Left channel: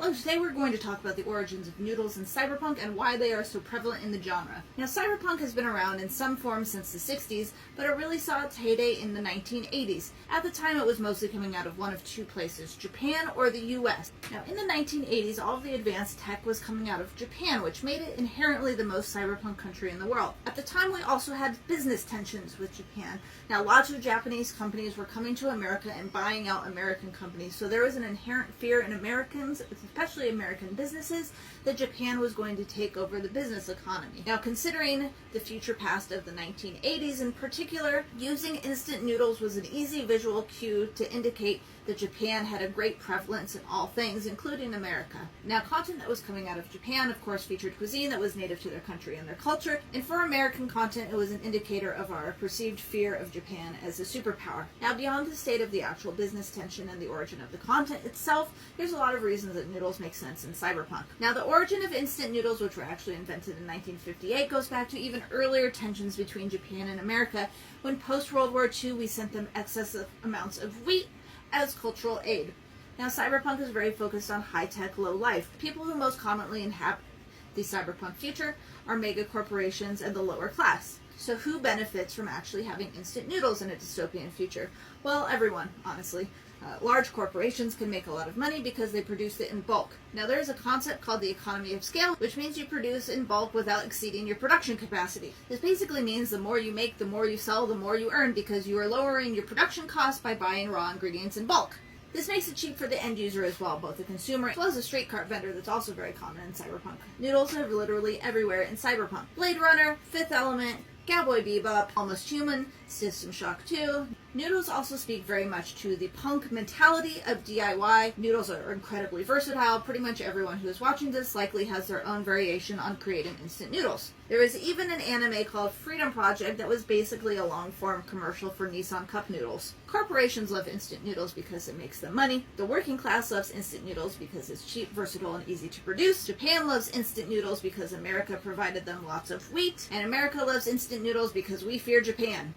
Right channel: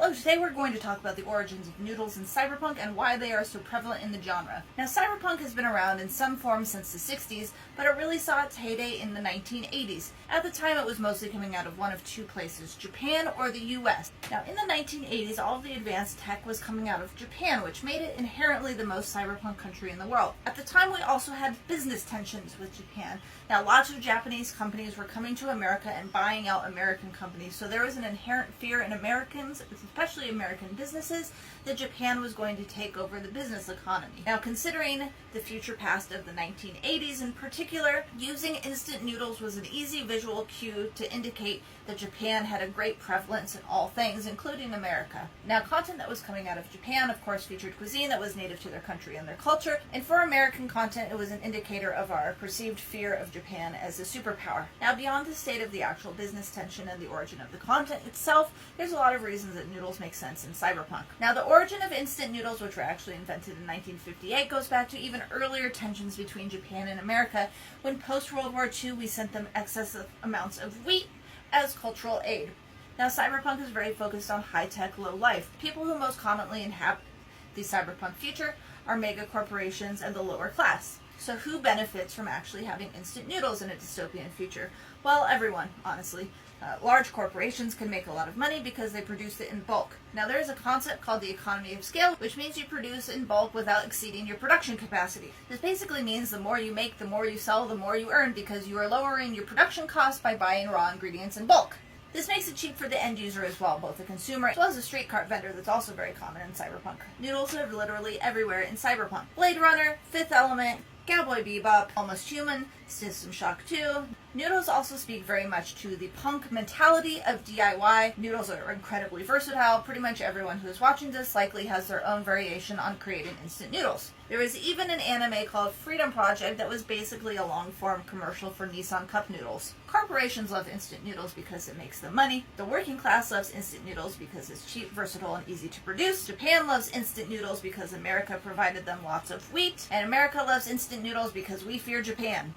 Hello, today we're going to talk about the origins of noodles in cyberpunk and why they are so prevalent in the genre. Now, cyberpunk has been around in some form since the 60s, but it really saw its heyday in the 1980s. At the time, it was mostly coming out of one of two places, Japan or the US. Now, in the 1980s, all of the advanced tech was coming out of Japan, which made it inherently the most cyberpunk country in the world. At the time, we also had business tensions with Japan. Now, lots of Japanese companies were coming to America and buying out American companies, so there was an inherent fear in Americans, especially American businesses, that Japan was going to take over the business economy. Now, considering the future past of the 1980s in particular, using instant noodles was an easy visual cue to indicate that Japan had a great prevalence in all things, including America. Now, content that was coming out of Japan, of course, featured cuisine that was native to their country and their culture, and for American content, it was an indicator of our perceived fear of Japan as a superpower. Now, beyond the state of the actual business tension and the origin of the content itself, there's a lot of reasons that noodles make sense in cyberpunk. Now, the origin of instant noodles, which were actually invented in 1958, goes back to even earlier tensions between Japan and America, when post-World War II we sent them excessive amounts of wheat as cultural aid. Now, cyberpunk is very focused on high-tech, low life. People who most commonly inhabit the cyberpunk future are mega corporations and the lower class. So who benefits from actually having instant noodles in a dystopian future? Well, everyone, honestly. Large corporations can make a lot of money because they produce it in bulk. Now, there is a concept called the economy of scale, which means you produce in bulk without exceeding your production capacity. This basically means the more you make, the more you sell, the more you earn, because you are lowering your production costs by buying raw ingredients in bulk. This makes it cheap for the end user as well, both the consumer as well as a street cart vendor that's also very common in cyberpunk. Noodles are literally everywhere in cyberpunk. Blade Runner, Fifth Element, Cowboy Bebop, Almost Human, System Shock 2. Noodles also speak very much to the punk mentality of DIY. Noodles are incredibly versatile. Pretty much everyone who is watching this likely has their own variation on creating instant noodles. There was even an anime called Freedom Project that was basically a long-form commercial for Nissan Cup noodles. Corporations love instant noodles because it makes them money. The working class loves instant noodles because it's cheap, versatile, and easy to produce. Japan loves instant noodles because America provided them lots of wheat. And America loves instant noodles because we fear Japan.